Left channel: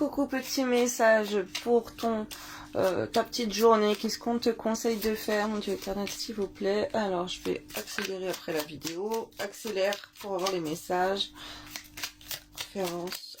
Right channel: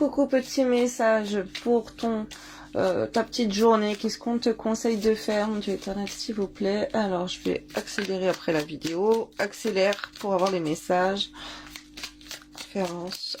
coucou, petit message pour ta petite journée. Qu'est-ce qu'on te conseille de faire, mon Dieu éternel, s'il vous plaît? Alors, je vais accélérer après la vidéo. Accélère pour avoir les messages. Conférence.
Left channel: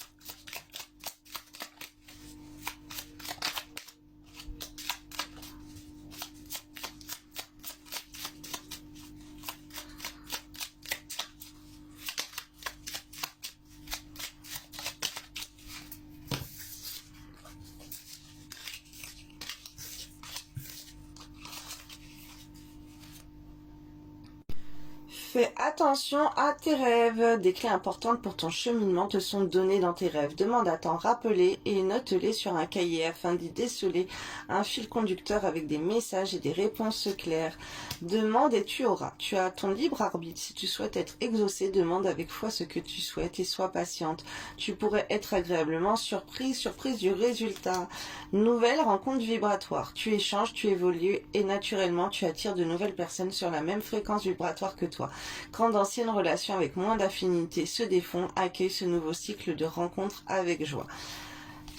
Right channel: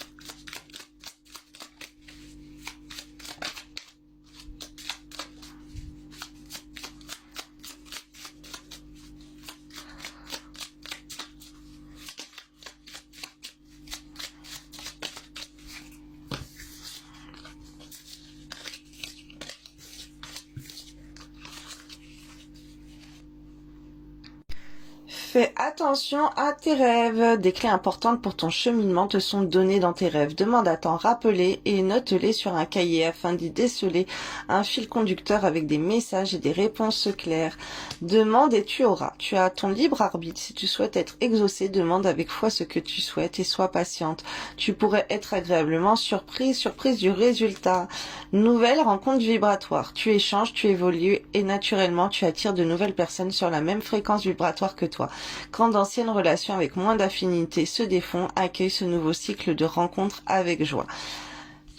Fais attention à tes rêves. Des clés importantes pour ton cheminement te sont données dans tes rêves. Demande à t'en rappeler et note-les sur un cahier afin d'y déceler un fil conducteur avec des messages et des réponses claires. Demande et tu auras. Tu as ton libre arbitre. Si tu souhaites être exaucé, demande avec foi ce que tu souhaites et sois patiente. Tu pourrais être agréablement surprise du résultat. Nouvelle rencontre vibratoire. Tu échanges, tu évolues et naturellement tu attires de nouvelles personnes sur la même fréquence vibratoire que toi. Quand d'anciennes relations avec moins d'affinité se défont, accueille ce nouveau cycle de rencontres avec joie.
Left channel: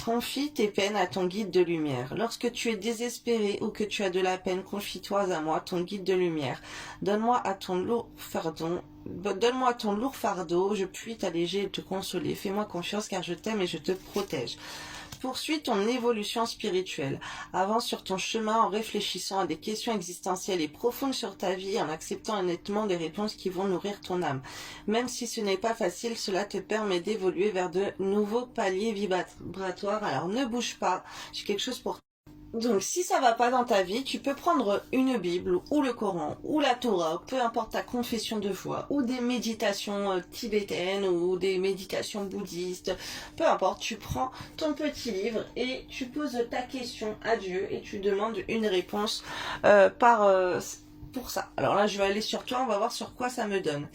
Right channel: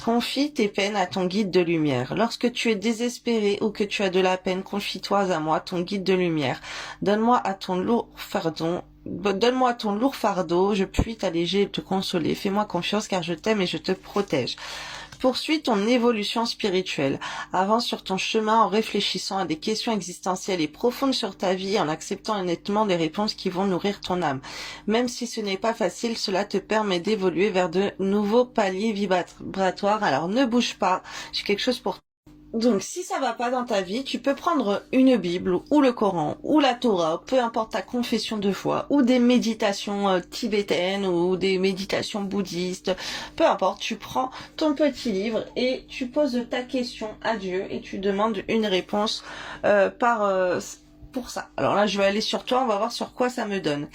Confie tes peines à ton guide de lumière. Lorsque tu es désespéré ou que tu as de la peine, confie-toi à moi, ton guide de lumière. Donne-moi ton lourd fardeau, je puis t'alléger et te consoler. Fais-moi confiance car je t'aime et je te protège. Poursuis ton évolution spirituelle. Avance sur ton chemin en réfléchissant à des questions existentielles et profondes sur ta vie, en acceptant honnêtement des réponses qui vont nourrir ton âme. Même si ce n'est pas facile, cela te permet d'évoluer vers de nouveaux paliers vibratoires. Alors ne bouge pas, j'ai quelque chose pour toi. Donc, si ça va pas dans ta vie, tu peux prendre une Bible ou le Coran ou la Torah, peu importe ta confession de foi, ou des méditations tibétaines ou des méditations bouddhistes, peu importe, tu prends ton petit livre et tu poses ta question à Dieu et tu demandes une réponse pour ça. Alors là, je vais aller sur toi, on va voir sur quoi ça me donne.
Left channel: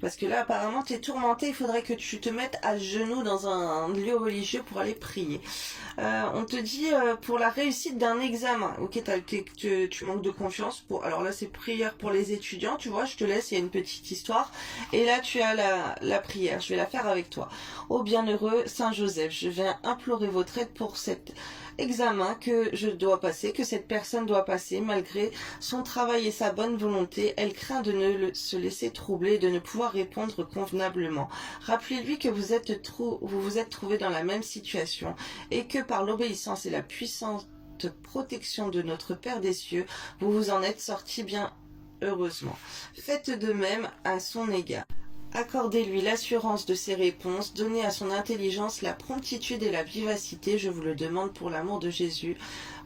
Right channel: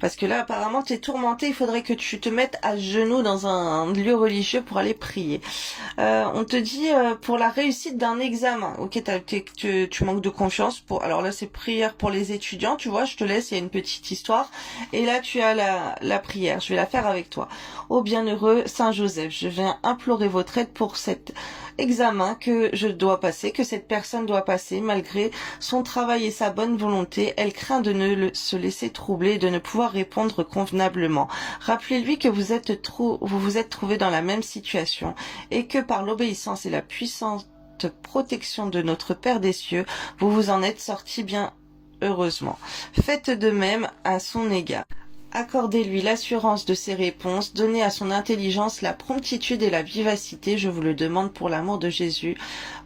Parce que là, apparemment, tu es tourmenté, il faudrait que tu te mettes à genoux dans un lieu religieux pour aller prier. On te dit pour la réussite d'un examen. Ok, tu manques de confiance. Alors là, c'est prière pour les étudiants, tu vois, je te laisse, il y a une petite histoire. Et là, tu as la prière, je vais la faire avec toi. Ô bienheureux Saint Joseph, je viens implorer votre aide pour cet examen que je dois passer, que cette personne doit passer, malgré son travail et sa bonne volonté. Elle craint de ne se laisser troubler, de ne pouvoir répondre convenablement. Rappelez-lui que vous vous êtes trouvé dans la même situation et que par l'obéissance et la puissante protection de notre Père des cieux, vous vous en êtes sorti bien heureusement. Faites de même à son égard. Accordez-lui l'assurance de ses réponses, donnez à son intelligence la promptitude et la vivacité, je vous le demande pour l'amour de Jésus,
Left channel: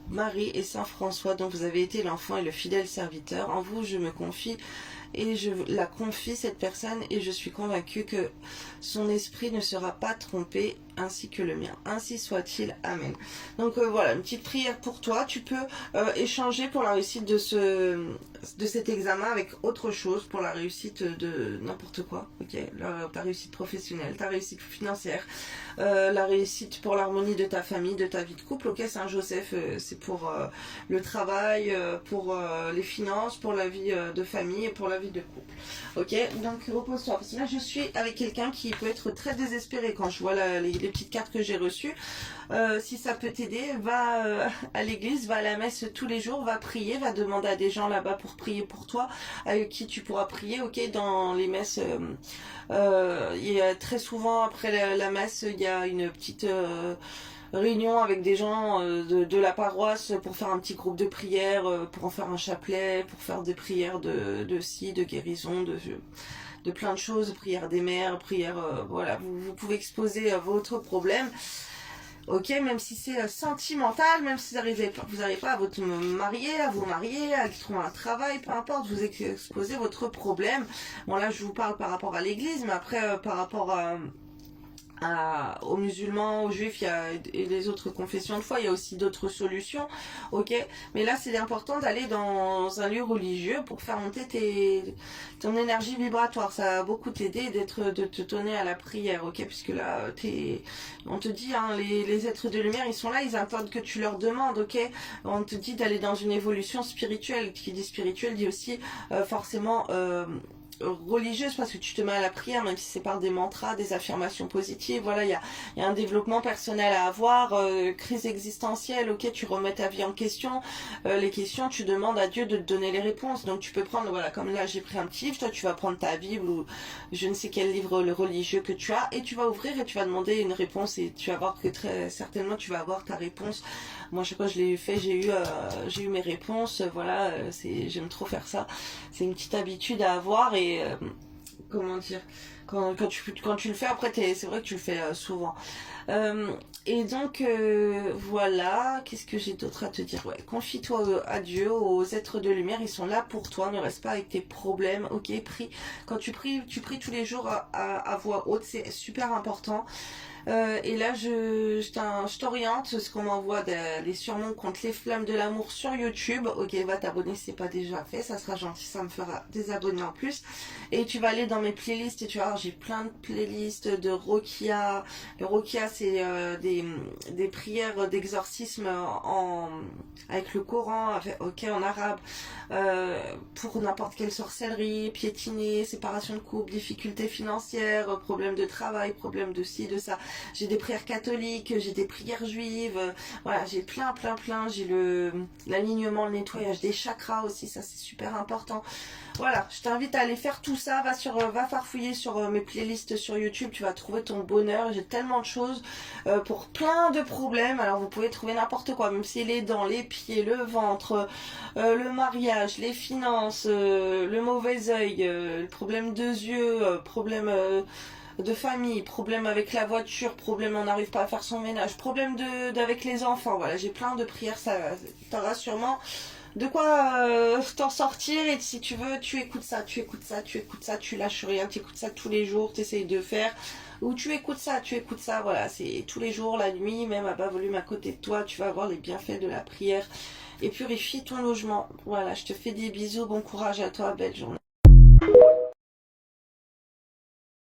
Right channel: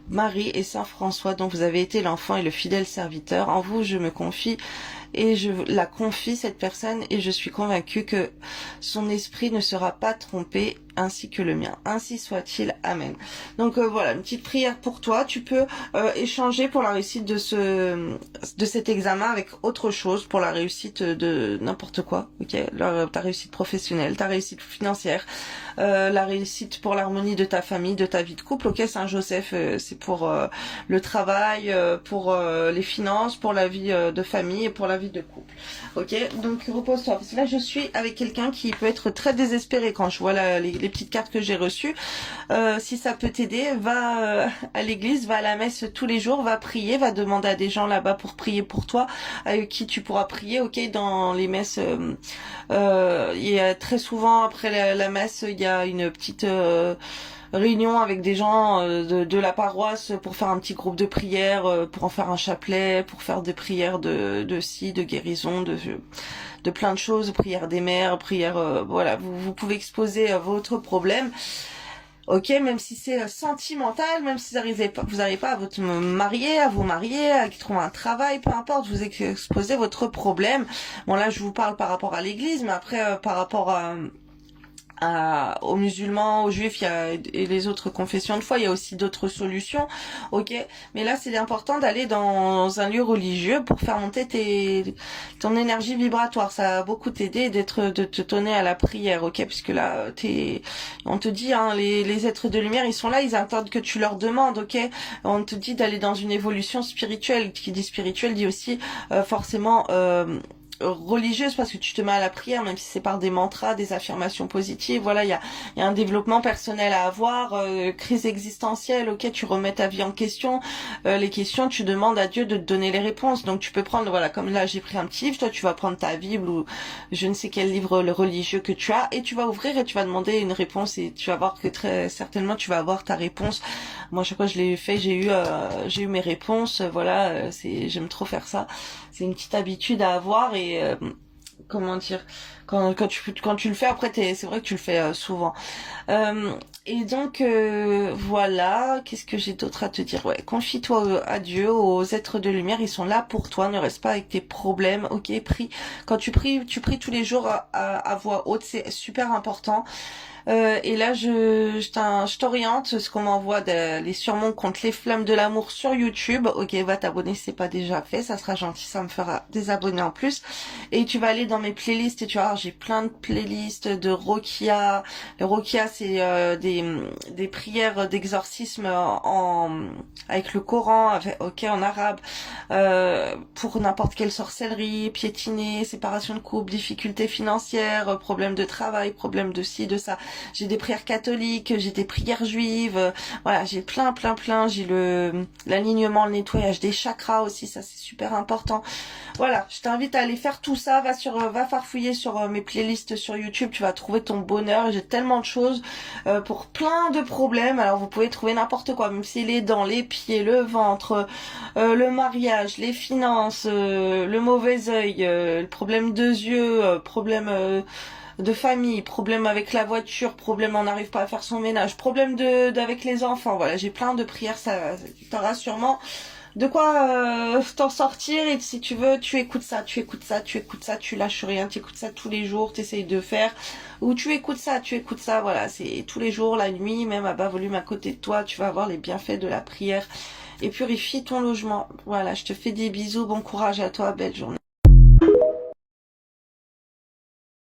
Marie et Saint François dont vous avez été l'enfant et le fidèle serviteur. En vous je me confie et je la confie cette personne et je suis convaincue que son esprit ne sera pas trompé ainsi que le mien. Ainsi soit-il. Amen. Donc voilà, une petite prière pour toi. Tu peux échanger pour la réussite de cet examen avec autre chose, pour la réussite de n'importe quoi. Ok, ta réussite professionnelle, ta réussite financière, la réussite pour l'harmonie de ta famille, de ta vie de couple. Ok, Saint Joseph, c'est pour le travail, pour les finances, pour la vie de famille et pour la vie de couple. Ok, donc repose-toi. Parce que là, je suis avec quelqu'un qui peut être très désespéré quand je vois les petites cartes que j'ai reçues. Si ça peut t'aider, va à l'église, va à la messe tous les jours, va prier, va demander à des gens là-bas pour prier pour toi, avec qui tu pourras prier. Ok, dans les messes, il y a très souvent après la messe, il y a une petite réunion avec des gens de la paroisse pour faire un petit groupe de prière, pour en faire un chapelet, pour faire des prières de guérison, de plein de choses, prière des mères, prière, voilà, vous pouvez exposer votre problème. Ok, même si c'est sentimental, même si vous n'arrivez pas à vous marier, à trouver un travail, peu importe, vous exposez votre problème. Bon là, je vous parle par rapport à l'église, mais après, par rapport aux musulmans, aux juifs, et les autres confessions de foi, il y a aussi d'autres solutions, ok. Mais là, c'est important d'aller dans un lieu religieux pour faire monter ton énergie vibratoire. Ça va beaucoup t'aider de te donner à la prière, ok. Puisque là, on te dit, hein, les êtres de lumière, ils sont là, ils attendent que tu leur demandes, ok. On te dit d'aller dans une évolution spirituelle. Qui dit spirituel dit aussi forcément religieuse, parce que tu te mets à la prière, même si c'est par des mantras, des affirmations positives. Voilà, il y a un développement personnel à avoir, crise existentielle, ok, tu remets ta vie en question, les questions, tu demandes à Dieu de te donner les réponses. Donc tu peux prendre, voilà, comme là j'ai pris un petit livre, toi tu vas prendre ta Bible ou je ne sais quel livre le religieux que tu as, et tu vas ouvrir et tu vas demander une réponse, et tu vas voir que très certainement tu vas avoir ta réponse. Moi chaque fois je l'ai fait, j'ai eu mes réponses. Voilà, j'aime trop faire ça. C'est une petite habitude à avoir, et comment dire, quand tu le fais après, c'est vrai que tu le fais souvent. Et donc voilà, qu'est-ce que j'ai d'autre à te dire? Ouais, confie-toi à Dieu, aux êtres de lumière, ils sont là pour toi. Ne reste pas avec tes problèmes. Ok, prie. Quand tu pries tous les jours à voix haute, c'est super important. Et là, je t'oriente, ce qu'on m'envoie les surnoms contre les flammes de l'amour sur YouTube. Ok, va t'abonner si c'est pas déjà fait, ça sera gentil, ça me fera des abonnés en plus. Et tu vas aller dans mes playlists et tu vas voir, j'ai plein de playlists de Rokia. Le Rokia, c'est des prières d'exorcisme avec le Coran, ok, en arabe, pour n'importe quelle sorcellerie, piétiner, séparation de couple, difficultés financières, problèmes de travail, problèmes de ci, de ça. J'ai des prières catholiques, j'ai des prières juives, voilà, j'ai plein, j'ai l'alignement, le nettoyage des chakras aussi, ça c'est super important. Voilà, je t'invite à aller faire tout ça, va farfouiller sur mes playlists sur YouTube, tu vas trouver ton bonheur. J'ai tellement de choses pour plein de problèmes. Alors vous pouvez trouver n'importe quoi, même si les dents, les pieds, le ventre, le mariage, les finances, le mauvais œil, le problème de yeux, problème de famille, problème avec la voiture, problème on n'arrive pas à faire son ménage, problème d'avec les enfants. Voilà, j'ai plein de prières, ça t'aura sûrement de quoi t'en sortir. Et si tu veux, tu écoutes ça, tu lâches rien, tu écoutes ça tous les jours, tu essayes de faire, ou tu écoutes ça, voilà, c'est tous les jours, la nuit, même à bas volume à côté de toi, tu vas avoir les bienfaits de la prière. Et purifie ton logement. Voilà, je te fais des bisous, bon courage à toi, belle journée.